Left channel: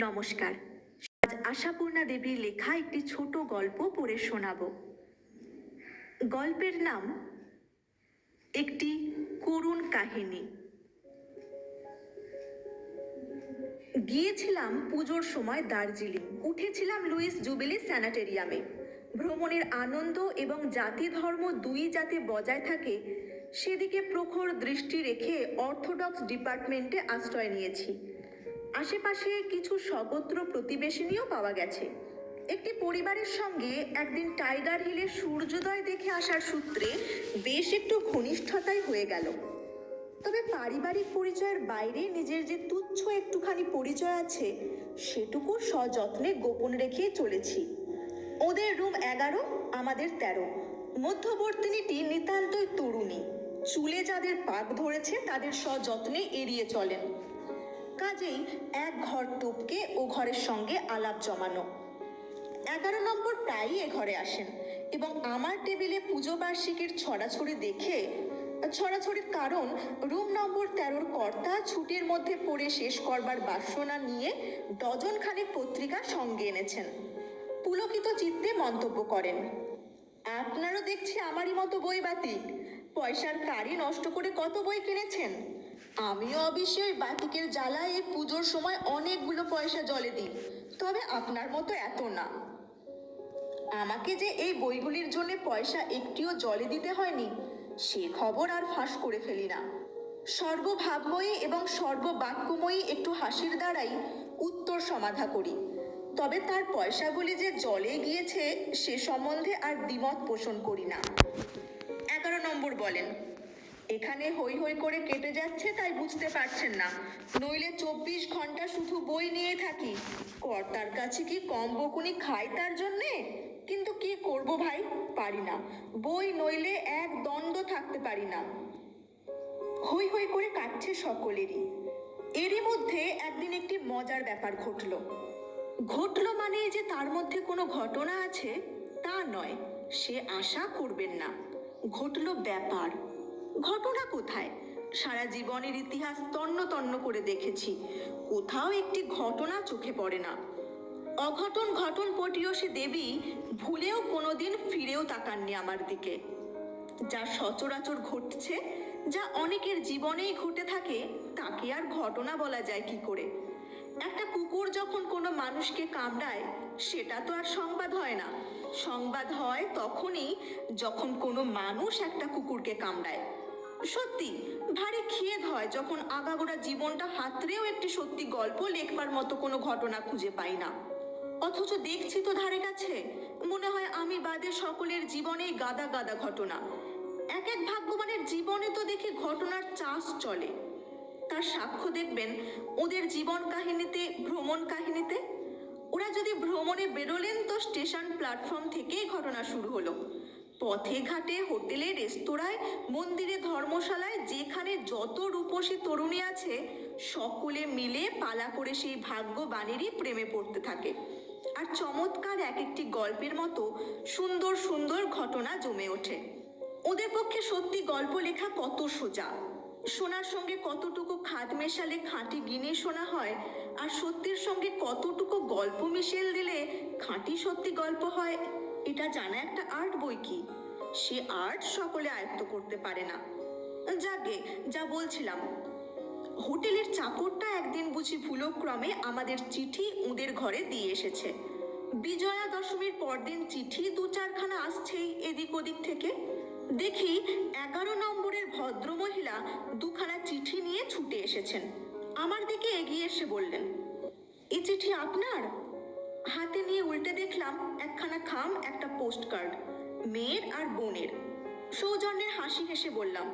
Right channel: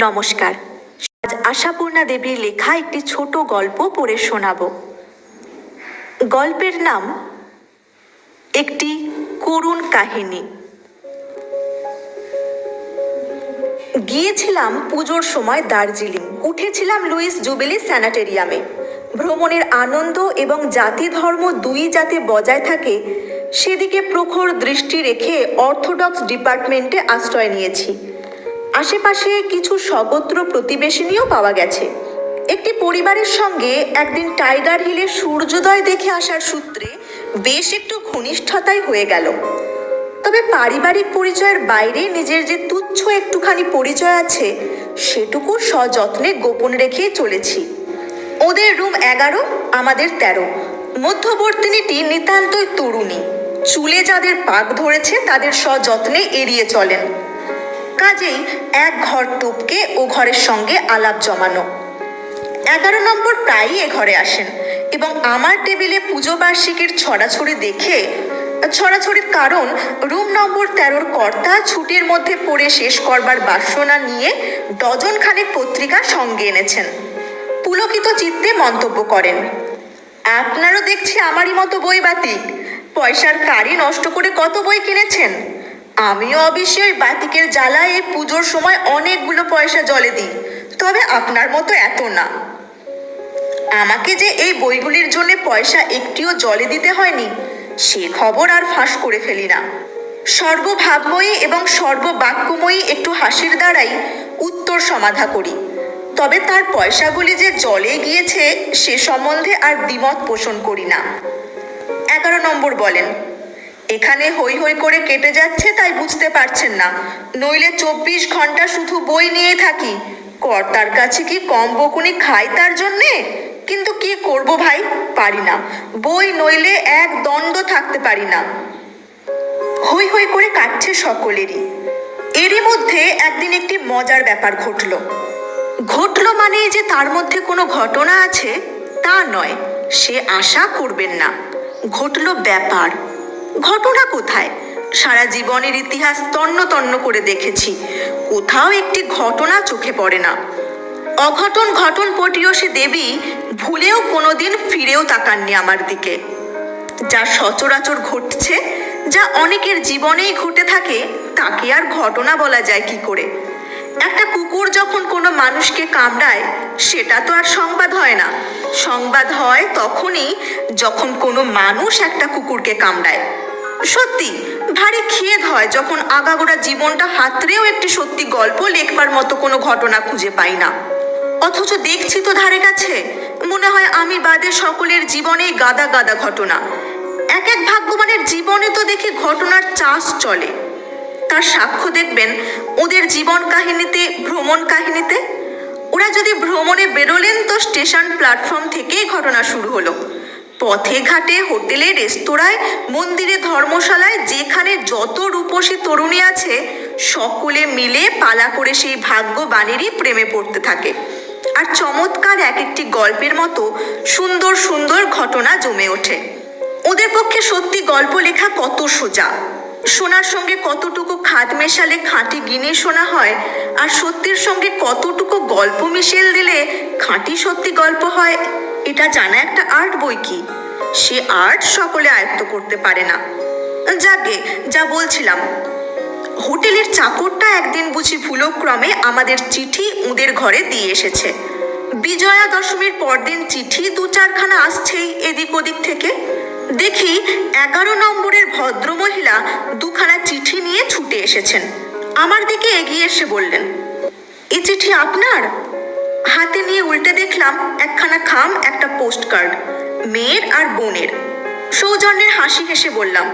নমস্কার। আজ আশাপূর্ণা দেবীর লেখা একটি ছোট গল্প পড়ে শোনাব। গল্পের নাম একটি করুণ কাহিনী। গিয়েছিলাম পুজোর সময় দার্জিলিং। উঠেছিলাম লুইস জুবিলি স্যানাটেরিয়ামে। ভ্রমণের আনন্দ এবং জাতি ধর্ম দুই যাতে বজায় থাকে সেদিকে প্রখর দৃষ্টি রেখে অর্থোডক্স ডিপার্টমেন্টে আশ্রয় নিয়েছি। আশেপাশে কিছু স্বগোত্র প্রতিবেশিনীও পাওয়া গেছে। একটি পরিবারের সঙ্গে একদিন টাইগার হিলে সূর্যোদয় দেখে আসার সূত্রে বেশ একটু ঘনিষ্ঠতাই হয়ে গেল। তবে পারিবারিক পরিচয়ের বাইরে নিজের যে তুচ্ছ একটুখানি পরিচয় আছে সেটুকু সযত্নে গোপন রেখেই চলেছি। ওদের রুম 11, আমাদের 13। মধ্যবর্তিনীটি নিতান্তই তরুণী। চুলে যাদের পাক ধরেছে তাদের সযত্নে এড়িয়ে চলেন। কাজেই এক ঘর টপকে ও ঘরের সঙ্গে আলাপ জমানো। 11 নম্বর প্রায়ই এ ঘরে আসেন এবং আমার টেবিলে পুজো বার্ষিকীর ছড়াছড়ি দেখে, ছড়াছড়ির কারণ রুম নম্বর 13-র কর্তা ছুটির মধ্যে পড়ে শেষ করবার বাসনা নিয়ে ডজন খানেক পত্রিকা সঙ্গে এনেছেন। পুলকিত চিত্তে মন্তব্য করেন, আপনারও দেখছি আমারই মতো বই বাতিক। পয়সার কারি নষ্ট করে কত বই কিনেছেন। আমিও অবশ্যই ওই বাতিকের জ্বালায় এই পুজোর সময় অনেকগুলো পয়সা জলে দিই, তবে আপনার মতো এত না। আমাকে যে এই বইগুলির জন্য পয়সা একটিও জলে দিতে হয়নি সে খবর আর ফাঁস করে ফেলি না। সর্বভাবময়ী এবং সর্ববাক্যময়ী একটু হাসির দ্বারাই উত্তর সমাধা করি। তবে তার পয়সাগুলি যে জলে গিয়েছে সে সম্বন্ধে আর দ্বিমত পোষণ করি না। 11 নম্বর বলেন, এখানে হই হই করে কেটে যাচ্ছে তাই বুঝতে পারছেন না, নইলে 24 ঘন্টা শুধু বই নিয়েই থাকি। কর্তার কাছে কি কম বকুনি খাই তার জন্যে? কিন্তু কি করব ভাই, পারি না। বই নইলে এক দণ্ড থাকতে পারি না। হই হই করে কাটছে সকলেরই। এরই মধ্যে একদিন একটি মজার ব্যাপার ঘটল মানে যে তার মধ্যে কোনো ঘটনা আছে তা নয়, সে আশা করবেন না। ঘটল ব্যাপার। ঘটনা কোথায়? সারা জীবনের ইতিহাস তন্ন তন্ন করে দেখেছি, কোথাও একটি ঘটনা চোখে পড়ে না। অঘটন ঘটন পটীয়সী দেবী ভুলেও কোনোদিন ফিরেও তাকাননি আমার দিকে। যা সচরাচর ঘটছে, যা অনেকের জীবনেই ঘটে থাকে, তাকে আর ঘটনা বলা যায় কি করে? একটা কুকুর যখন কোনো মানুষকে কামড়ায় সেটা তো আর সংবাদ হয় না। সংবাদ হয় তখনই যখন কোনো মানুষ একটা কুকুরকে কামড়ায়। সত্যি ভারী খেদ হয় যখন আগাগোড়া জীবনটা হাতড়েও একটি সত্যি গল্প লেখবার মতো কোনো ঘটনা খুঁজে পাই না। অথচ দেখছি তো ধারে কাছে, মনে হয় আমি বাদে সকলের জীবনেই গাদা গাদা ঘটনা। এক এক ভাগ্যবানের জীবনে তো দেখি ঘটনার চাষ চলে। তার সাক্ষ্য দেখবেন ওদের জীবন কাহিনীতে, ভ্রমণ কাহিনীতে। ওরা যদি ভ্রমণে বেরোলেন তো স্টেশন প্ল্যাটফর্ম থেকেই ঘটনা শুরু হলো। পথে ঘাটে, হোটেলে, রেস্তোরাঁয়, মন্দিরে, ধর্মশালায় যেখানে যত রূপসী তরুণী আছে সকলে মিলে পালা করে সেই ভাগ্যবানেরই প্রেমে পড়তে থাকে। আর চমৎকার এক একটি গল্পের মতো সুন্দর সুন্দর ঘটনা জমে ওঠে। ওদের পক্ষে সত্যি গল্প লেখা কত সোজা। সোনার সঙ্গে কতটুকু খাদ মেশালে খাঁটি গিনি সোনা হয়, আর সত্যির সঙ্গে কতটুকু গল্প মিশেল দিলে খাঁটি সত্যি গল্প হয়, এটা জানা একটা আর্ট বই কি। সে আর্ট সকলে আয়ত্ত করতে পারে না। যাকে যা বলছিলাম, হোটেলের চাকরটা একদিন বুঝি ভুলক্রমে আমাদের চিঠি ওদের ঘরে দিয়ে এসেছে। বিজয়া দশমীর পরদিন চিঠি 2-4খানা আসছেই এদিক ওদিক থেকে। দেখি 11 নম্বরের ভদ্রমহিলা 2খানা চিঠি নিয়ে ছুটে এসেছেন। আমার দিকে এগিয়ে এসে বললেন, এই চিঠি আপনার? হাতে নিয়ে উল্টে দেখলাম একখানা খাম, একটা পোস্ট কার্ড, মেয়ের আর বোনের। সৌজন্যের হাসি হেসে বললাম,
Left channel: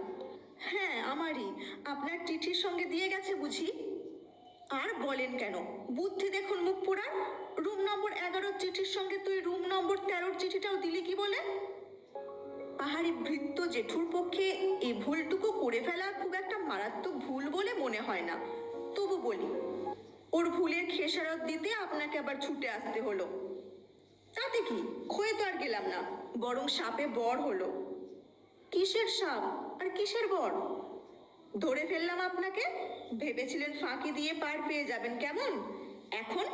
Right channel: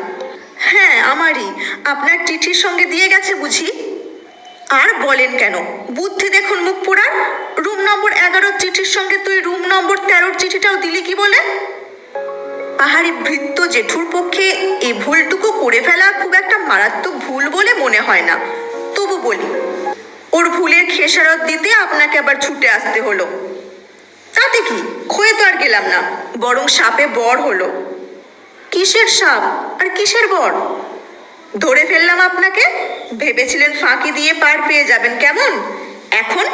হ্যাঁ আমারই। আপনার চিঠির সঙ্গে দিয়ে গেছে বুঝি? আর বলেন কেন, বুদ্ধি দেখুন মুখ পোড়ার। রুম নম্বর 11-র চিঠির সঙ্গে তুই রুম নম্বর 13-র চিঠিটাও দিলি কি বলে? পাহাড়ি ভৃত্য জেঠুর পক্ষে এই ভুলটুকু করে ফেলা খুব একটা মারাত্মক ভুল বলে মনে হয় না, তবু বলি, ওর ভুলের খেসারত দিতে আপনাকে আবার ছুটে আসতে হলো। তাতে কি, ক্ষয়ে তো আর গেলাম না, বরং সাপে বর হলো। কিসের সাপ আর কিসের বর? ধরে ফেললাম আপনাকে। ভেবেছিলেন ফাঁকি দিয়ে পার পেয়ে যাবেন কেমন? এখন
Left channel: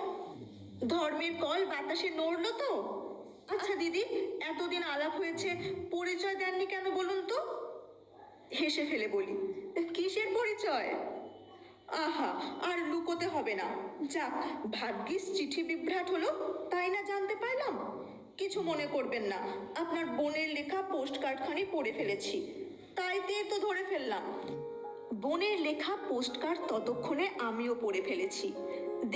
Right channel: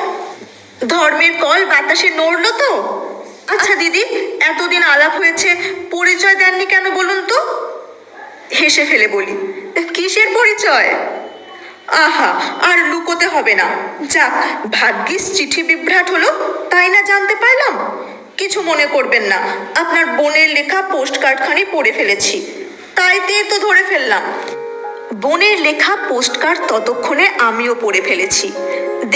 ধর্মের কল বাতাসে নড়লো তো? আচ্ছা দিদি, এতদিন আলাপ হয়েছে, পরিচয় দেননি কেন বলুন তো? হেসে ফেলে বলি, কিসের পরিচয়? আহা, আর লুকোতে হবে না। যাক, ভাগ্যিস চিঠি বিভ্রাট হলো, তাই না জানতে পারলাম। কিছু মনে করবেন না, আপনার বোনের লেখা পোস্ট কার্ডখানি পড়ে ফেলেছি, তাইতে তো ধরে ফেললাম। বোনের লেখা পোস্ট কার্ড ততক্ষণে আমিও পড়ে ফেলেছি।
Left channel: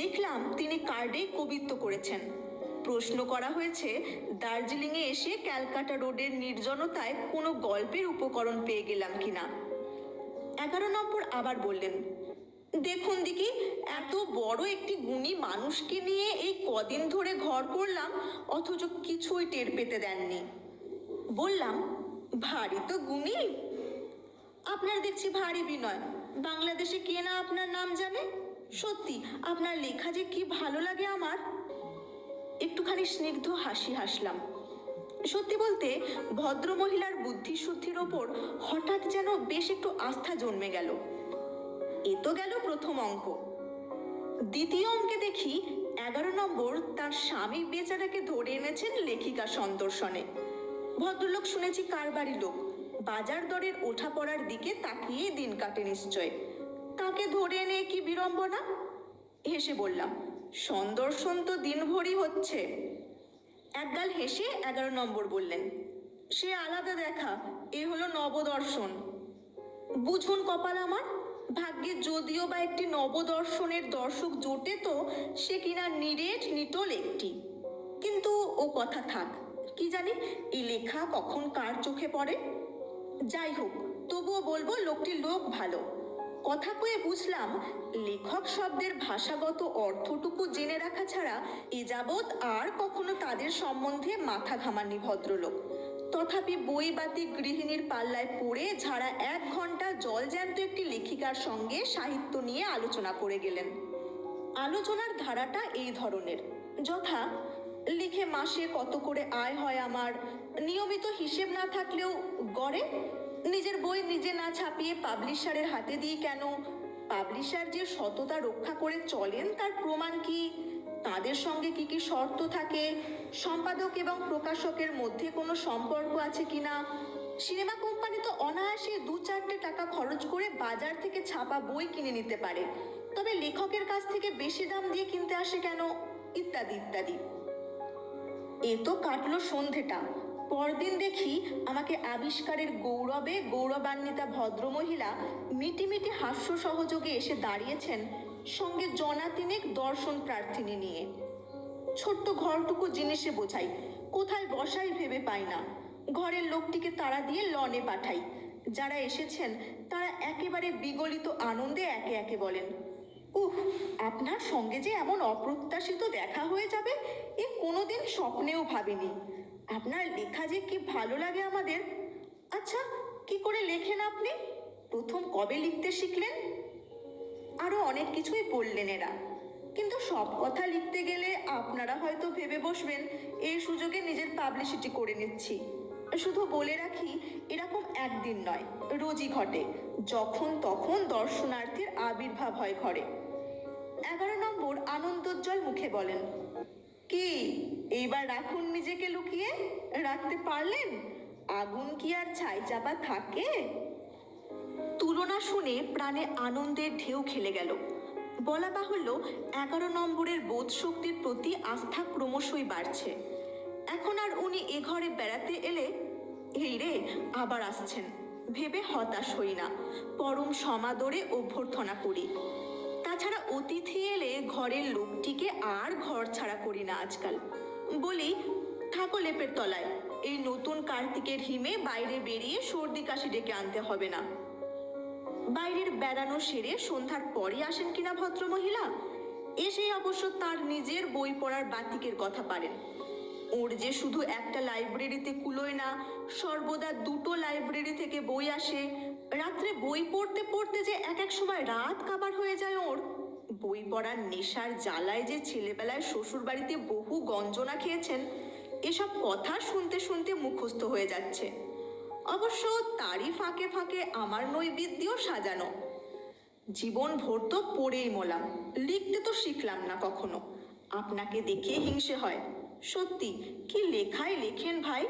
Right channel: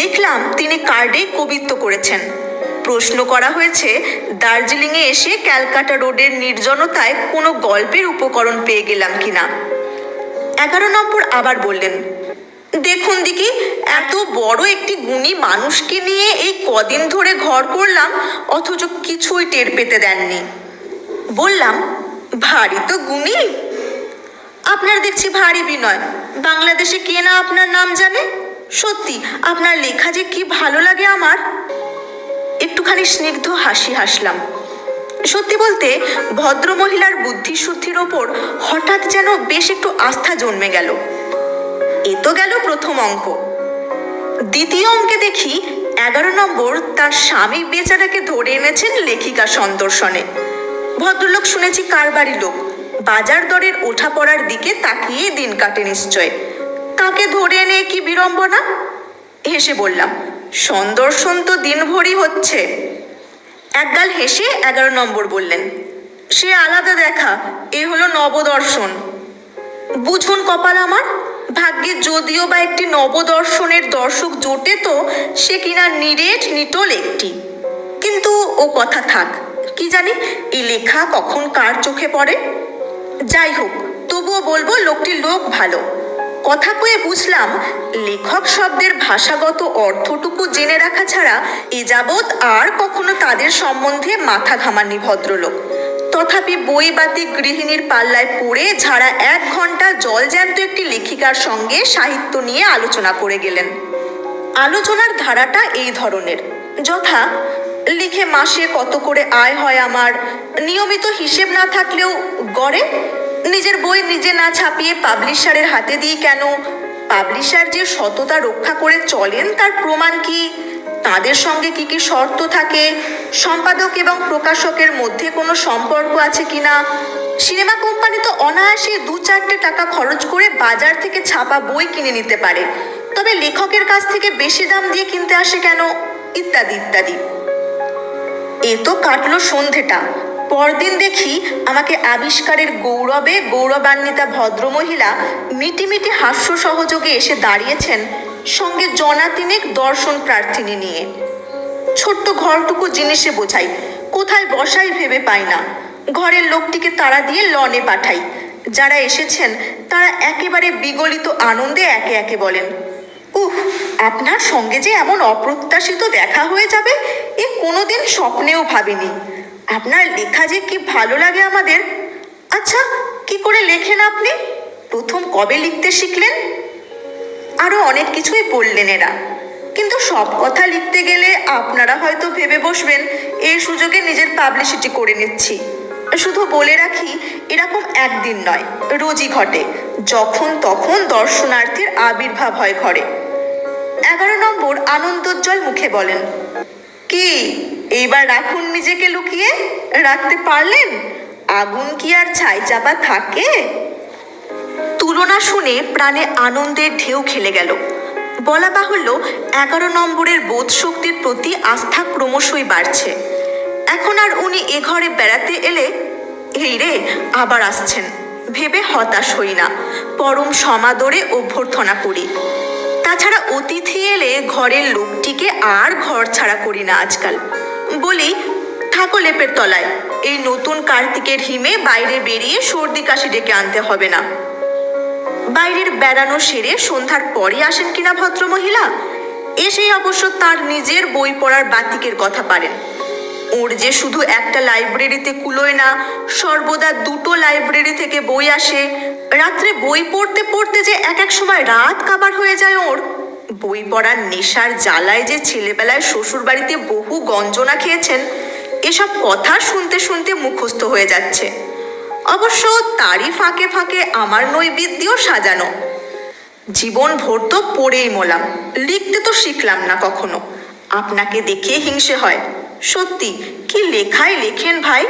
দেখলাম তিনি কার্ডে কবিত্ব করেছেন। প্রশ্ন করা হয়েছে দার্জিলিংয়ে এসে ক্যালকাটা রোডের নির্জনতায় কোনো গল্পের উপকরণ পেয়ে গেলাম কিনা। 11 নম্বর আবার বললেন, দেখুন দিকি, এত বড় একটি গুণী মানুষকে নিয়ে এই কদিন ধরে ঘর করলাম, অথচ কিছুই টের পেতে দেননি। বললাম, ভারী তো গুণী। আপনার দেখছি ভারী বিনয়, বাংলাদেশে কে না আপনার নাম জানে। সত্যি আপনার লেখা যে কি ভালো লাগে আমার। একটুখানি স্নিগ্ধ হাসি হাসলাম। সত্যি বলতে ভদ্রমহিলার বুদ্ধিশুদ্ধির ওপর হঠাৎ যেন বেশ একটু আস্থা জন্মে গেল। এ তো গেল প্রথম অঙ্ক। দ্বিতীয় অঙ্কে দেখি 11 নম্বর তার স্বামী বেচারাকে ধরে এনেছেন লেখিকা সন্দর্শনে। ভদ্রলোক শুনেছি কারবারি লোক, বাজার দরের ওঠা পড়ার দিকে তাকিয়ে দিন কাটে নিশ্চয়। তাকে ধরে এনে কি বিড়ম্বনা। হেসে বললাম, সন্দর্শন তো দিনভরই হচ্ছে। একগাল হেসে 11 নম্বর বললেন, সে আলাদা দেখা, এ হলো নবদর্শন। বুঝুন কপাল আমার, ভাগ্যে যদিও বা একটি নবদর্শনের দর্শক জোটে তো সে কিনা নিরেট নিটোল একটি। কিন্তু ও কথা থাক, কি জানি এই লেখা কখন কার চোখে পড়ে। যাই হোক, তবুও বলবো লোকটির লোক ভালো। কথা কয়ে বুঝলাম লেখক শব্দের ভাষাগত অর্থটুকু জেনে রাখা ছাড়া এ যাবৎ আর কখনো তাদের সম্বন্ধে মাথা ঘামাননি ভদ্রলোক। তথাপি বই বাতি গৃহিণীর পাল্লায় পড়ে ঝাড়া 1 ঘন্টা জলজ্যান্ত একটি লেখিকার সঙ্গে সাহিত্য নিয়ে আলোচনা করে গেলেন। আলোচনার ধারাটা এই ধরনের, যথা, লিখে মাসে কত করে আয় হয় আমার, নিয়মিত হিসেব না থাকলেও গড়ে, নিজের বই নিজে না ছাপিয়ে পাবলিশারের হাতে দিই কেন, পাবলিশার যে সততা রক্ষা করে চলেন তার প্রমাণ কি, তাদের সঙ্গে কি কি শর্ত থাকে, সম্পাদক এবং প্রকাশকের মধ্যে কোনো সম্পর্ক আছে কিনা, সিনেমা কোম্পানি তো অনায়াসে 2-4টে টাকা খরচ করে বাজার থেকে ছাপা বই কিনে নিতে পারে, তবে লেখকের কাছ থেকে বেশি দাম দিয়ে কিনতে আসে কেন, ইত্যাদি ইত্যাদি। এ তো কাটলো সন্ধেটা। পরদিন দেখি আমাকে আবিষ্কারের গৌরবে গৌরবান্বিতা ভদ্রমহিলা মিটিমিটি হাস্য সহযোগে এসে দাঁড়িয়েছেন, সঙ্গে জনা তিনেক দর্শন প্রার্থিনী নিয়ে। ছোট্ট ঘরটুকু জিনিসে বোঝাই, কোথায় বসাই ভেবে পাই না। ঘরের লোকটিকে তাড়া দিয়ে লনে পাঠাই। যারা এসেছেন তারা একেবারে বিগলিত আনন্দে একে একে বলেন, উহ, আপনার সঙ্গে যে এমন অপ্রত্যাশিত দেখা হয়ে যাবে এ কোনোদিন স্বপ্নেও ভাবিনি। আপনার লেখা যে কি ভালো লাগে আমাদের। আচ্ছা, কি করে লেখেন আপনি? প্রথম কবে লিখতে শিখলেন? আরো অনেক কিছুই বললেন এরা, কিন্তু সব কথা লিখতে গেলে আপনারা হয়তো ভেবে বসবেন এই সুযোগে নিজের পাবলিসিটি করে নিচ্ছি। শুধু বলে রাখি, এরকম একদিন নয়, রোজই ঘটে, যখন তখন দর্শনার্থীর আবির্ভাব হয় ঘরে। 11 নম্বর আনন্দোজ্জ্বল মুখে বলেন, কি এইবার রাখুন নিজেকে লুকিয়ে? রাখতে পারলেন? আগুন কি আর ছাই চাপা থাকে? তুলনা শুনে প্রাণে আনন্দের ঢেউ খেলে গেল। বলা বাহুল্য 11 নম্বরের বোধ শক্তির প্রতি আস্থা ক্রমশই বাড়ছে। এখন আর উনি এ ঘরে বেড়াতে এলে এই রে আবার আসছেন ভেবে হতাশ হই না, পরম সমাদরে অভ্যর্থনা করি। তাছাড়া অতিথি এলে ঘরের লোকটিকে আর ঘর ছাড়া করি না আজকাল। বলি, থাকো লেপের তলায়, এই নতুন কার্তিকের হিমে বাইরে বেরিয়ে সর্দি কাশি ডেকে আনতে হবে না। বাইরের বেড়ানো সেরে সন্ধ্যার পরে আসেন কিনা ভদ্রমহিলা, এসেই অবশ্য তার নিজের বই পড়ার বাতিকের কথা পারেন। ওর যে শুধু একটা লাইব্রেরিতে কুলোয় না, সর্বদা 2টো লাইব্রেরি থেকে বই আসে। রাত্রে বই পড়তে পড়তে যে এক সময় রাত কাবার হয়ে যায় ওর। বই পড়ার নেশার জ্বালায় যে ছেলেবেলায় শ্বশুর বাড়িতে বহু গঞ্জনা খেয়েছেন, এসব কথা শুনতে শুনতে মুখস্থ হয়ে যাচ্ছে। অবশ্য তারই ফাঁকে ফাঁকে আমার নৈবেদ্যও সাজানো। জীবন ভোর তো পড়েই মোলাম, লিখতে তো শিখলাম না কখনো। আপনাকে দেখে হিংসে হয়। সত্যি কি লেখাই লেখেন ভাই।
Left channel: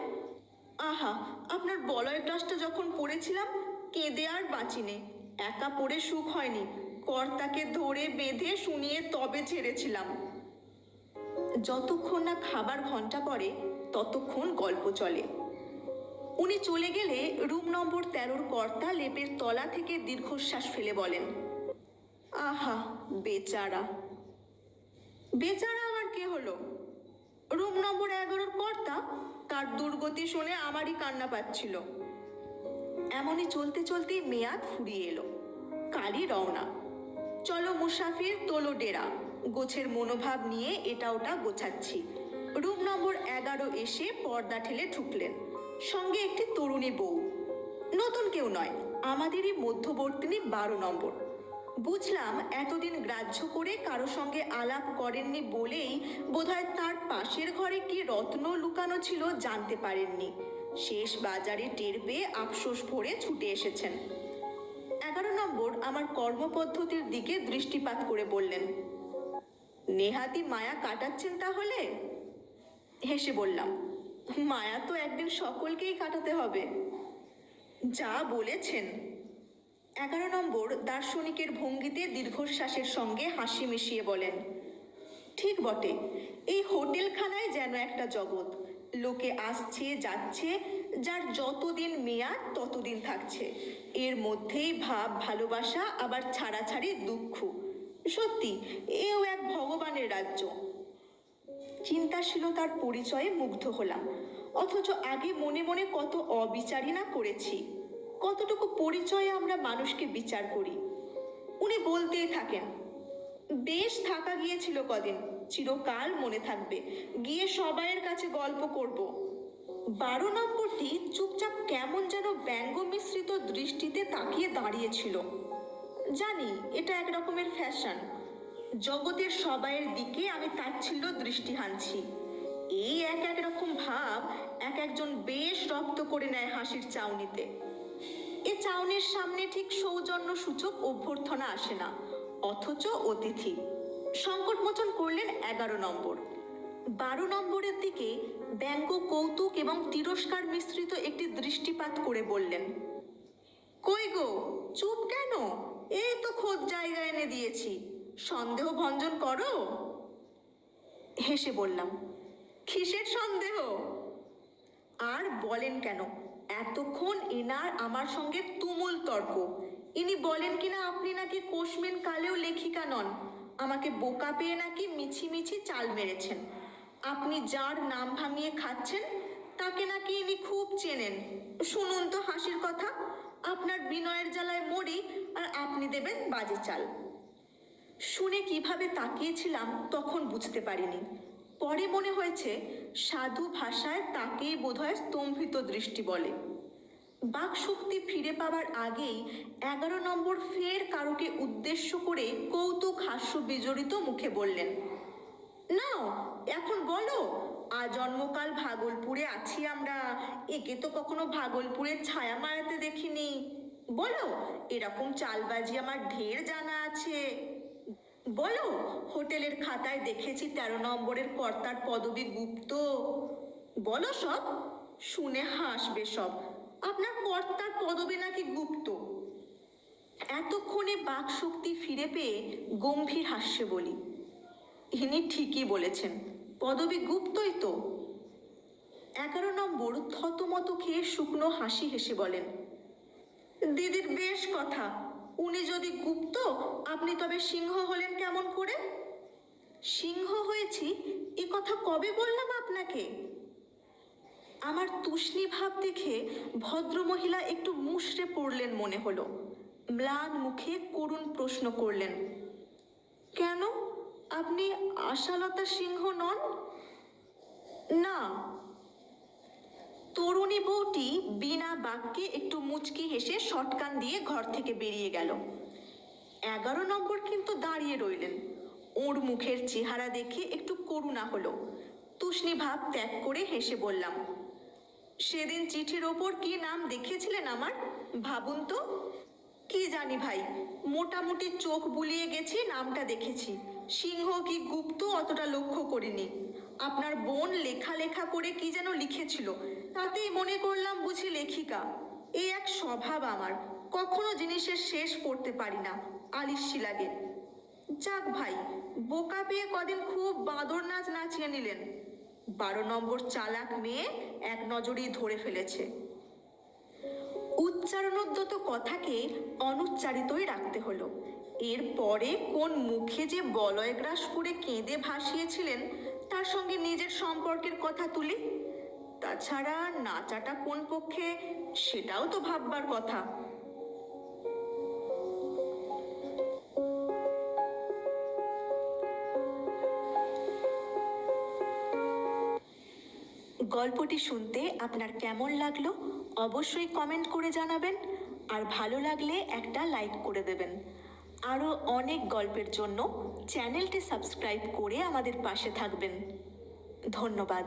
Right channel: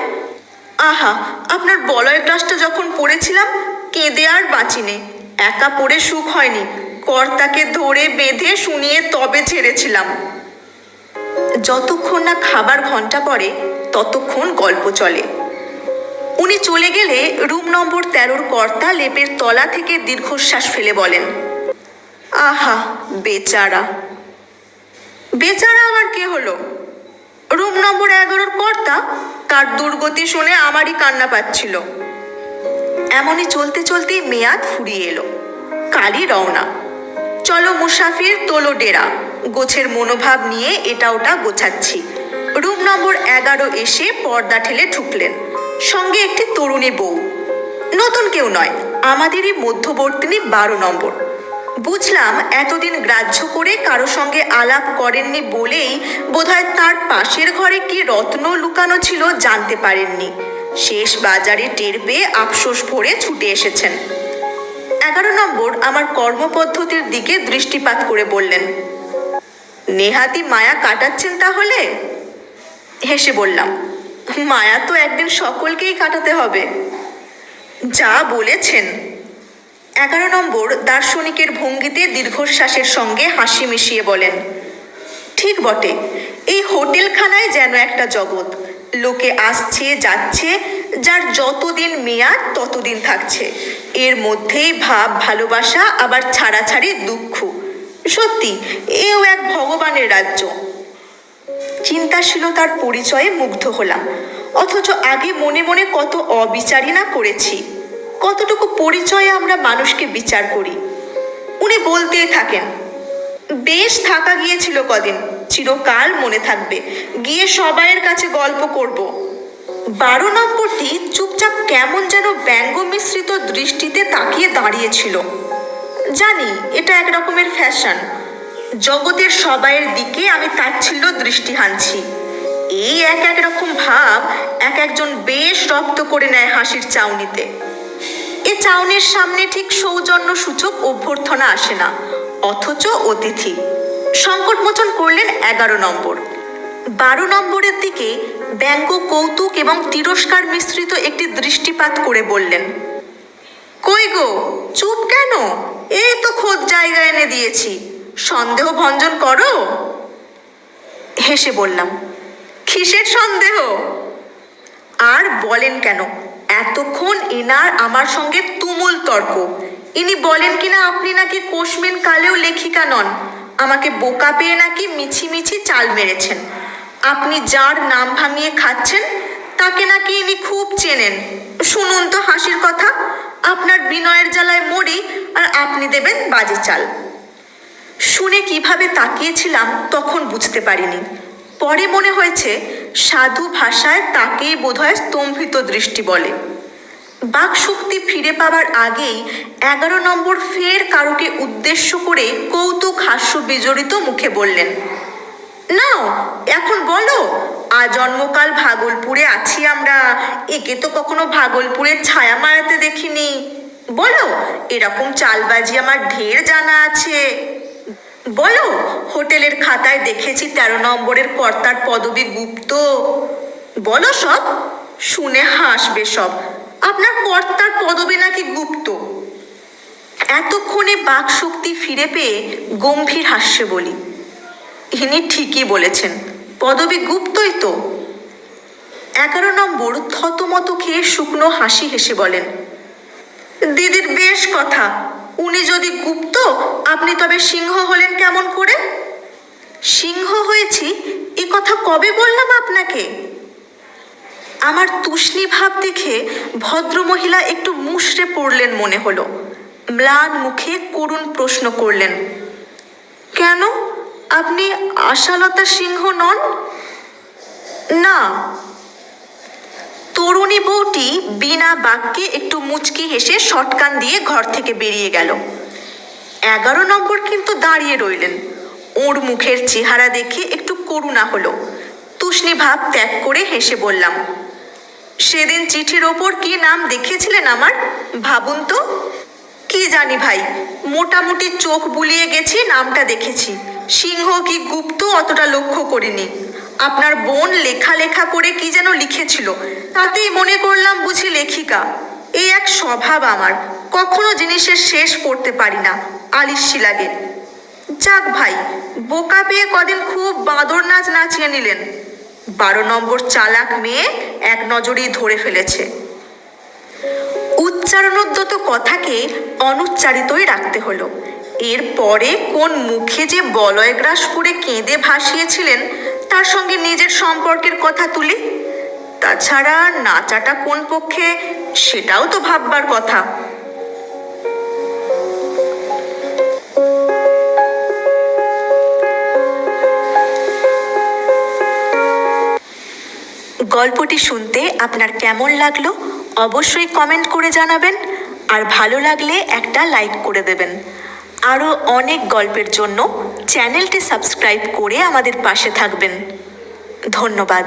আহা, আপনার বলয় ক্লাসটা যখন পড়েছিলাম কেঁদে আর বাঁচিনে। একা পড়ে সুখ হয়নি, কর্তাকে ধরে বেঁধে শুনিয়ে তবে ছেড়েছিলাম। যতক্ষণ না খাবার ঘন্টা পড়ে ততক্ষণ গল্প চলে। উনি চলে গেলে রুম নম্বর 13-র কর্তা লেপের তলা থেকে দীর্ঘশ্বাস ফেলে বলেন, আহা বেচারা। বেচারা আবার কে হলো? রুম নম্বর 11-র কর্তা, তার দুর্গতি শুনে আমারই কান্না পাচ্ছিল। এমনই চলতে চলতেই মেয়াদ ফুরিয়ে এলো। কালই রওনা। চলো মুসাফির, তোলো ডেরা। গোছের মনোভাব নিয়ে এটা ওটা গোছাচ্ছি। রুম নম্বর 11 এসে পর্দা ঠেলে ঢুকলেন, সঙ্গে একটি তরুণী বউ। নতুন কেউ নয়, আমাদেরই মধ্যবর্তিনী 12 নম্বর। বুঝলাম এতদিন গ্রাহ্য করে কারো সঙ্গে আলাপ করেননি বলেই বোধহয় তার পাশের ঘরে কি রত্ন লুকানো ছিল জানতে পারেননি। শেষ বাজারে টের পেয়ে আফসোস ভরে ছুটে এসেছেন। 11 নম্বর আমার কর্মপদ্ধতির দিকে দৃষ্টিপাত করে বললেন, নেহাতি মায়া কাটাচ্ছেন তাহলে? হেসে বললাম, মায়া তো একদিন সকলকেই কাটাতে হবে। যা বলেছেন। 11 নম্বর দার্শনিকের ভঙ্গিতে দীর্ঘশ্বাসের সঙ্গে হাসি মিশিয়ে বলেন, ঠিক বটে, এই হোটেলখানায় যেন একটা জগৎ। লোকে আসছে যাচ্ছে, যার যতদিন মেয়াদ ততদিন থাকছে। এর মধ্যেই ভাব ভালোবাসা, আবার ছাড়াছাড়ি দুঃখ। সত্যি এও এক ভগবানের রাজ্য। চিন্তাশীলতার পরিচয়ে মুগ্ধ হলাম, অথচ আগে মনে মনে কত অবিচারই না করেছি। কতটুকু পরিচয়ে আমরা মানুষকে বিচার করি। উনি বলতেই থাকেন, বেশ থাকা গিয়েছিল কদিন, চিরকাল মনে থাকবে, গিয়ে সবাইয়ের কাছে গল্প করব। 12 নম্বরটি চুপচাপ কেমন যেন ব্যঙ্গ মিশ্রিত দৃষ্টিতে তাকিয়ে দাঁড়িয়েছিল। জানি এটা এক রকমের ফ্যাশন, জগতের সবাইয়ের দিকে আমি তাচ্ছিল্য দৃষ্টি হানছি। এই এক এক রকম ভাব এক একজন বেশ রপ্ত করে নেয় হাসির চাউনিতে। এ চাউনির সামনে ঠিক সৌজন্য সূচক অভ্যর্থনা আসে না, অথচ অতিথি। সংকট মোচন করলেন 11 নম্বর। 12 নম্বরের দিকে ব্যঙ্গ, কৌতুক এবং তিরস্কার মিশ্রিত একটি দৃষ্টিপাত করে বললেন, কই গো, চুপ কেন? এই তো খোঁজ জায়গা এনে দিয়েছি, সন্দেহ ভঞ্জন করো। হেসে বললাম, কিসের সন্দেহ? আর বলেন কেন, এতক্ষণ এনার আমার সঙ্গে তুমুল তর্ক। ইনি বলেন কিনা আপনি নাকি কোশমেন কালেও লেখিকা নন, আমাকে বোকা পেয়ে নাকি মিছি মিছি চাল মেরেছেন। আপনি যার নাম ভাঙিয়ে খাচ্ছেন তাকে নাকি ইনি খুব চেনেন। শুনুন তো হাসির কথা, আপনার বিনয়ের জ্বালায় মরি আর আপনি দেবেন বাজে চাল। শুনে কিভাবে তাকিয়েছিলাম তখন বুঝতে পারিনি। পরে মনে হয়েছে সাধু ভাষায় তাকেই বোধহয় স্তম্ভিত দৃষ্টি বলে। বাকশক্তি ফিরে পাবার আগেই 11 নম্বর ফের কারোকে উদ্দেশ্য করে কৌতুক হাস্য বিজড়িত মুখে বললেন, নাও এখন বলো, আজন্মকাল ভাগলপুরে আছি আমরা, একে তো কখনো ভাগলপুরের ছায়া মারাতে দেখিনি। বলো, এরকম চালবাজি আমার ঢের জানা আছে। বলো, হোটেলের খাতায় দেখেছি 13 নম্বরের কর্তার পদবি গুপ্ত। বলো সব, শুনে হাসবে সব, আপনার কর্তার পদবি নাকি গুপ্ত। এতক্ষণে বাকশক্তি ফিরে পেয়ে গম্ভীর হাস্যে বলি, ইনি ঠিকই বলেছেন, পদবি গুপ্তই তো। 11 নম্বর থতমত খেয়ে শুকনো হাসি হেসে বলেন, দিদির বেশ কথা, উনি যদি গুপ্ত আপনি তবে সিংহ হলেন কেমন করে? সিংহ হয়েছি এ কথা কবে বললাম আপনাকে? আমার তুষ্ণী ভাব দেখে ভদ্রমহিলা একটু মুষড়ে পড়লেন মনে হলো। ম্লান মুখে করুণ প্রশ্ন করলেন, কেন, আপনি আশালতা সিংহ নন? না। তরুণী বউটি বিনা বাক্যে একটু মুচকি হেসে শটকান দিয়ে ঘর থেকে বেরিয়ে গেল। 11 নম্বর কিন্তু দাঁড়িয়ে রইলেন। ওর মুখের চেহারা দেখে একটু করুণা হলো। তুষ্ণী ভাব ত্যাগ করে হেসে বললাম, সেদিন চিঠির ওপর কি নাম দেখিয়েছিলেন আমার, ভাবুন তো। কি জানি ভাই, মোটামুটি চোখ বুলিয়ে গেছি, নামটা দেখেছি। সিংহ কি গুপ্ত অতটা লক্ষ্য করিনি। আপনার বোন লেখা লেখা করে কি যেন লিখেছিল, তাতেই মনে করলাম বুঝি লেখিকা। এই এক স্বভাব আমার, কখনো জিনিসের শেষ পড়তে পারি না, আলিস্যি লাগে। যাক ভাই, বোকা পেয়ে কদিন খুব বাঁদর নাচ নাচিয়ে নিলেন। 12 নম্বর চালাক মেয়ে এক নজরেই ধরে ফেলেছে। উচ্চারণোদ্যত কথাকে অনুচ্চারিতই রাখতে হলো। এরপরে কোন মুখে যে বলয়গ্রাস করে কেঁদে ভাসিয়েছিলেন, তার সঙ্গে নিজের সম্পর্কের কথা তুলি। তাছাড়া নাচাটা কোন পক্ষে, সেটাও তো ভাববার কথা। গল্পটি শুনতে আপনার কেমন লাগলো অবশ্যই কমেন্ট করে জানাবেন, আর ভালো লাগলে একটা লাইক করে দেবেন। আরও অনেক গল্পের জন্য চ্যানেলটি সাবস্ক্রাইব করে আমাদের পাশে থাকবেন। ধন্যবাদ।